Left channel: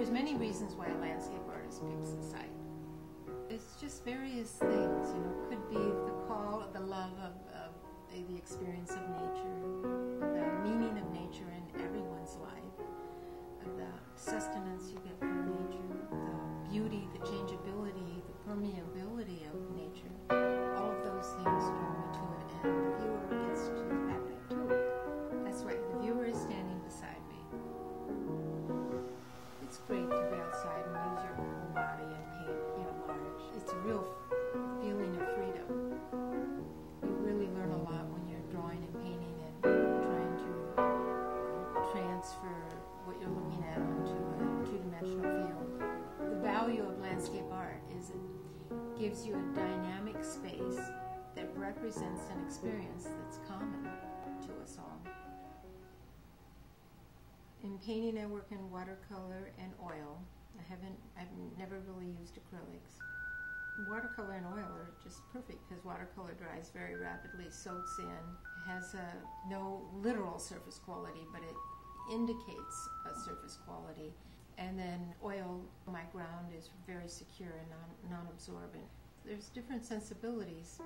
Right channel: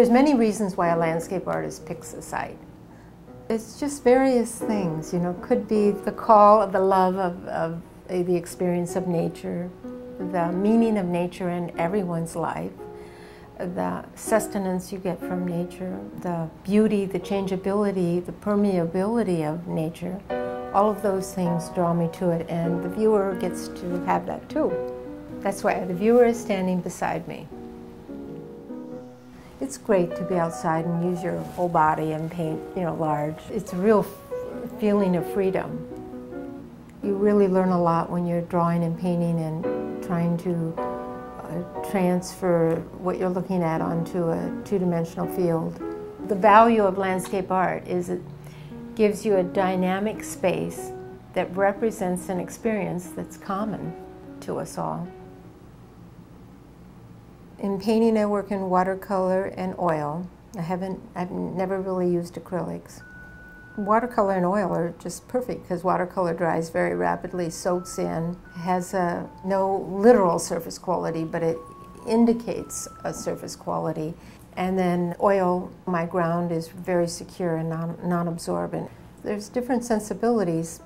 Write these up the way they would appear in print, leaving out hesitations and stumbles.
There's many reasons why a landscape artist picks a site. It's just various things, you know. Could be the call, the love of the experience of nature, the meaning of nature in everyone's life, the sustenance you get from nature, the beauty, the changeability, the permeability of nature. All of those things draw me to it, and the viewer gets to have that too. That's why the viewer is standing beside me. It's great to be outside and use your whole body and paint, you know, large. It's a real feeling of freedom. You really learn a lot when you're drawing and painting and trying to transfer what you're looking at onto a two-dimensional field. The value of landscape art is it gives you a dynamic space that represents an experience that's common to us all. In painting, I work in watercolor and oil. I've never really used acrylics. Watercolor and oil are just perfect because watercolor dries very rapidly, soaks in, has no literal surface quality, but it indicates a surface quality. And then oil, my ground is very secure and non-absorbent. There's different sensibilities.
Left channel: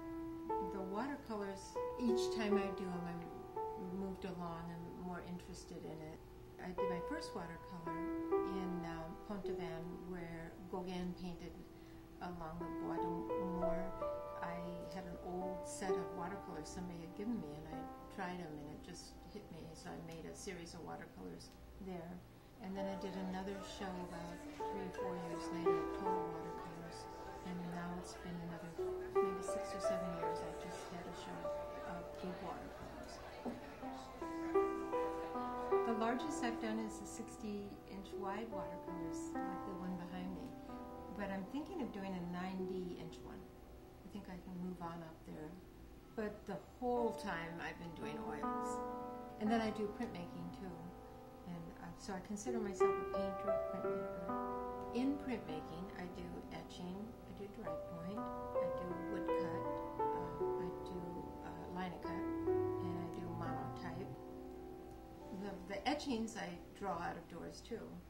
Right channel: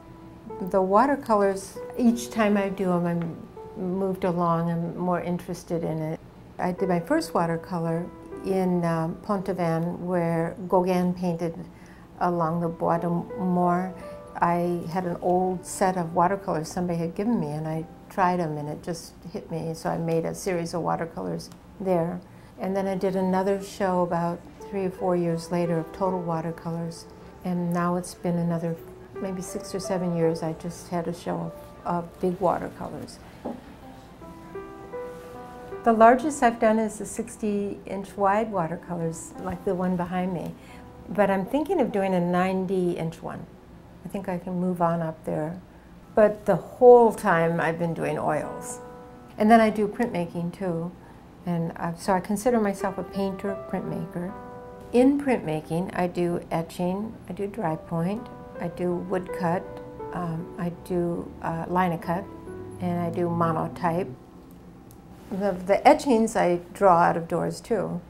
The watercolors, each time I do them, I'm moved along, I'm more interested in it. I did my first watercolor in Pontevin, where Gauguin painted along the Bois de Moor. I had an old set of watercolors somebody had given me, and I tried them, and it just hit me, so I made a series of watercolors there. And then I did another show about 3 or 4 years later of total watercolors, and now it's been another maybe 6 or 7 years. I just had a show of big watercolors. The largest I've done is the 60-inch wide watercolors, like the one behind me. But I'm thinking of doing a 90-inch one. I think I can move on up there. But the whole time I've been doing oils. And then I do printmaking too. And so I consider myself a painter, printmaker. In printmaking, I do etching, I do dry point, I do woodcut, I do linocut, and I do monotype. The etchings I draw out of doors too.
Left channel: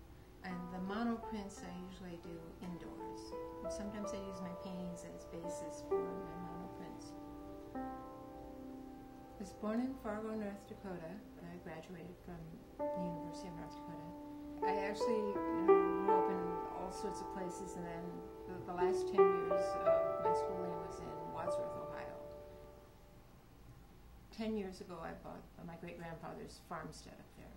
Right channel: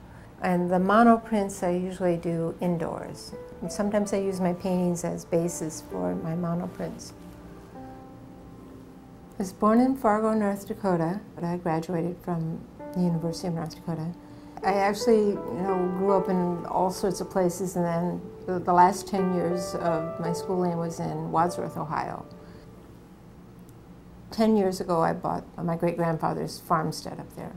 And the monoprints I usually do indoors. And sometimes I use my paintings as bases for my monoprints. I was born in Fargo, North Dakota, but I graduated from the University of North Dakota. I actually, grew up in all sorts of places, and then the last 10 years of my schooling was in Wadsworth, Ohio. 10 years ago, I bought my great-grandfather's farmstead up there.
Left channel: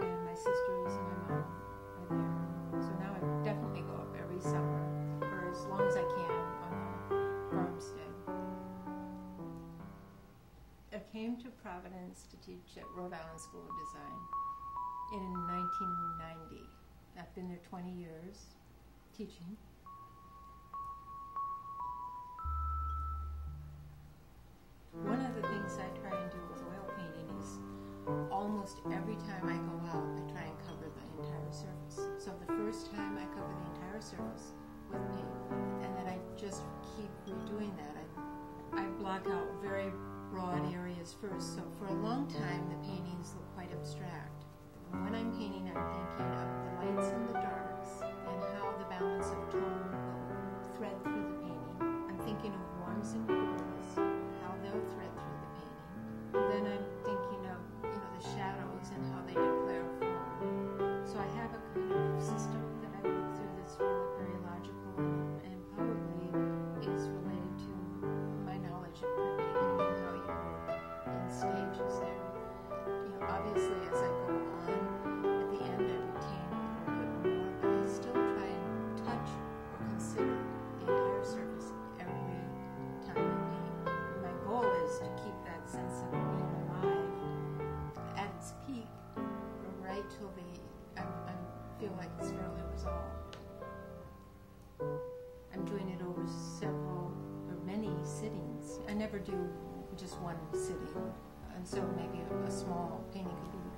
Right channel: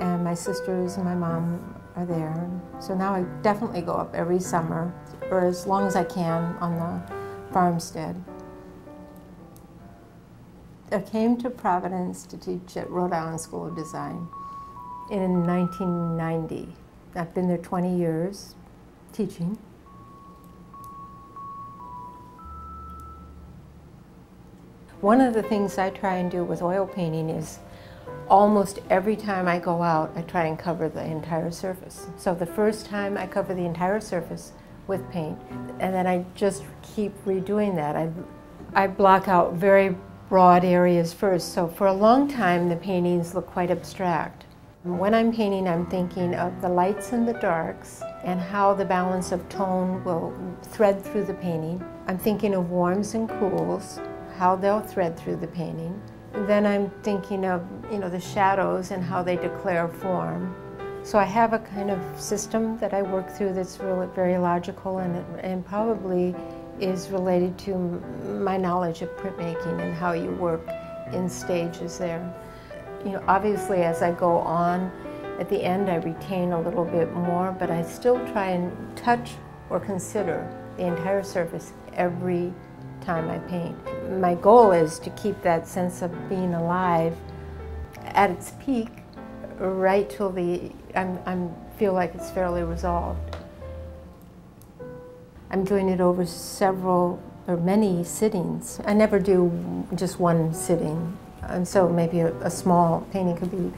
And my sisters and my mom are there. So now I definitely go up every summer, or as long as I can, on the farmstead. I came to Providence to teach at Rhode Island School of Design in 1990. I've been there 20 years teaching. One of the things I try and do with oil painting is almost every time I go out, I try and cover the entire surface. So the first time I cover the entire surface with paint, and then I just keep redoing that. I block out very broad areas first. So for a long time, the paintings look quite abstract. When I'm painting, I'm thinking of the lights and the darks and how the balance of tone will thread through the painting. I'm thinking of warms and cools, how they'll thread through the painting. Then I'm thinking of, the shadows and how they declare form. So I have a kind of system that I work through that's really very logical and probably is related to my knowledge of printmaking and how you work in stages there. Obviously as I go on, at the end I retain a little bit more, but I still try and touch or consider the entire surface every time I paint. My goal is to keep that sense of being alive at its peak right till I feel like it's fairly resolved. I'm doing it over several or many sittings. I never do just one sitting, and so maybe a small painting could be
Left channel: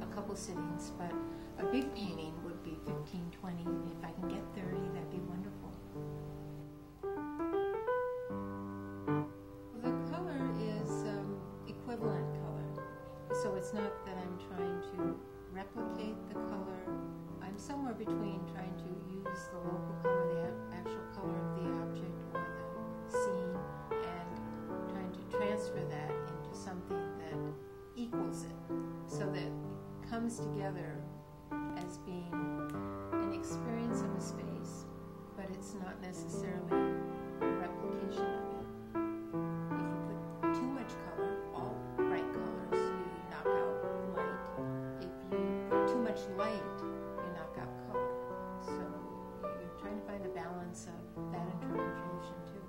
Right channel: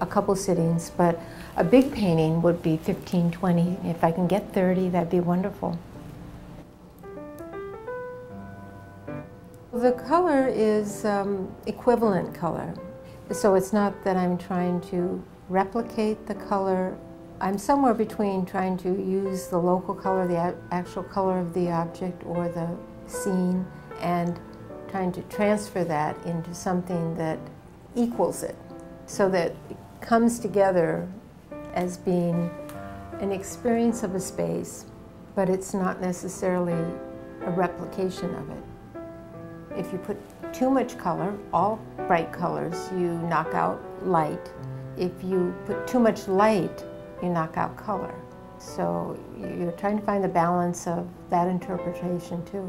a couple sittings, but a big painting would be 15, 20. If I can get 30, that'd be wonderful. The color is equivalent color. So it's not that I'm trying to replicate the color I'm somewhere between trying to use the local color, the actual color of the object or the scene, and trying to transfer that into something that equals it, so that it comes together as being an experience of a space, but it's not necessarily a replication of it. If you put too much color, all bright colors, you knock out light. If you put too much light, you knock out color. So you're trying to find the balance of that interpretation too.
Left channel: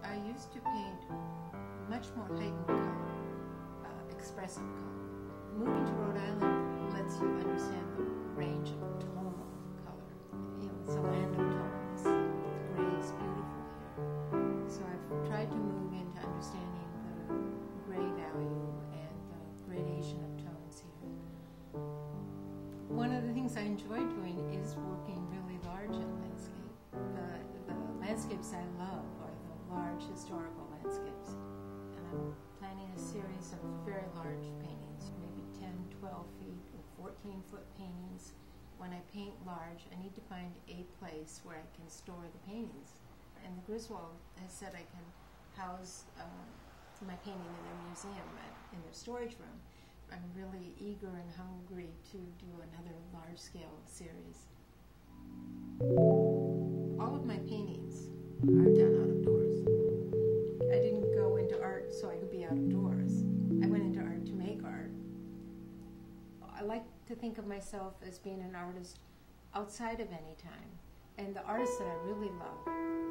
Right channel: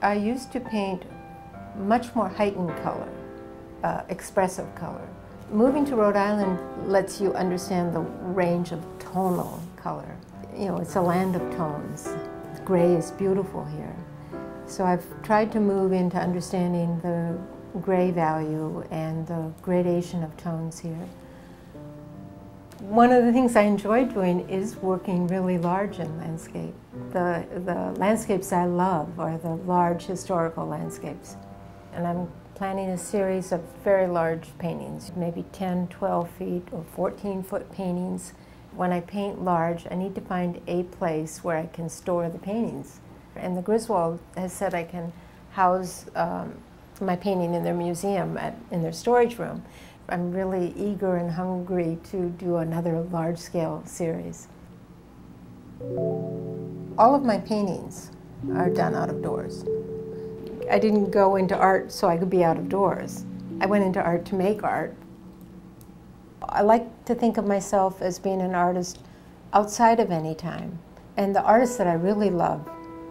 I used to paint much more heightened color, expressive color. Moving to Rhode Island lets you understand the range of tonal color. You know, it's a land of tones. Gray is beautiful here. So I've tried to move into understanding the gray value and the gradation of tones here. One of the things I enjoy doing is working really large in landscape. The landscapes I love are the large historical landscapes. And I'm planning a series of very large paintings, maybe 10, 12 feet or 14-foot paintings. When I paint large, I need to find a place where I can store the paintings. And the Griswold has said I can house my painting in their museum, in their storage room. I'm really eager and hungry to do another large-scale series. All of my paintings are done out of doors. I didn't go into art so I could be out of doors. I went into art to make art. I like to think of myself as being an artist outside of any time. And the artists that I really love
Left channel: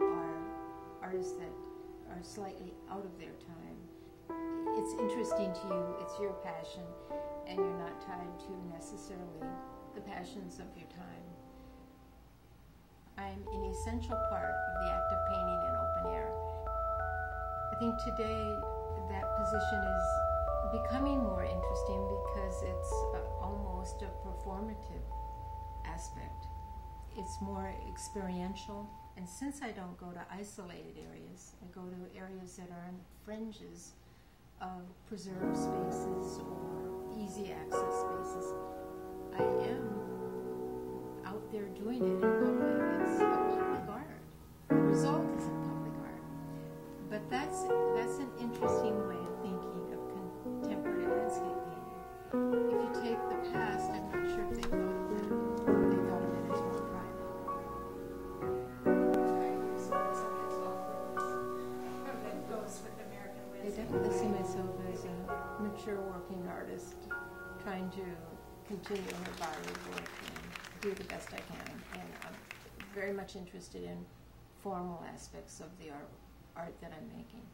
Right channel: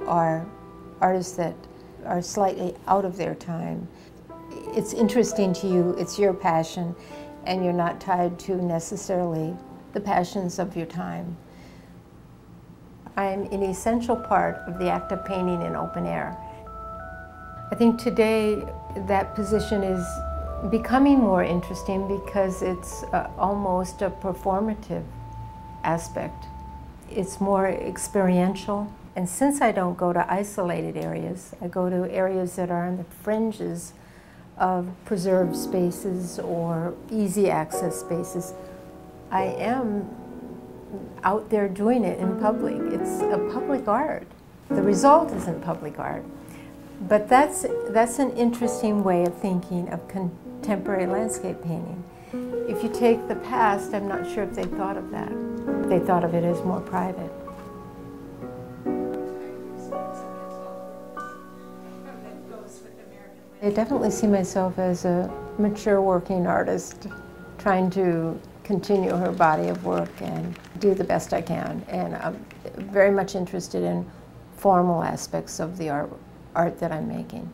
are artists that are slightly out of their time. It's interesting to you, it's your passion, and you're not tied to necessarily the passions of your time. I'm an essential part of the act of painting in open air. I think today that position is becoming more interesting because it's almost a performative aspect. It's more experiential. And since I don't go to isolated areas, I go to areas that are on the fringes of preserved spaces or easy access spaces, I am out there doing it in public. It's a public art. The result isn't public art. But that's an interesting way of thinking of contemporary landscape painting. If you take the past, I'm not sure if they thought of that. They thought of it as more private. I definitely see myself as a mature working artist trying to continue her body of work and do the best I can. And I'm very much interested in formal aspects of the art that I'm making.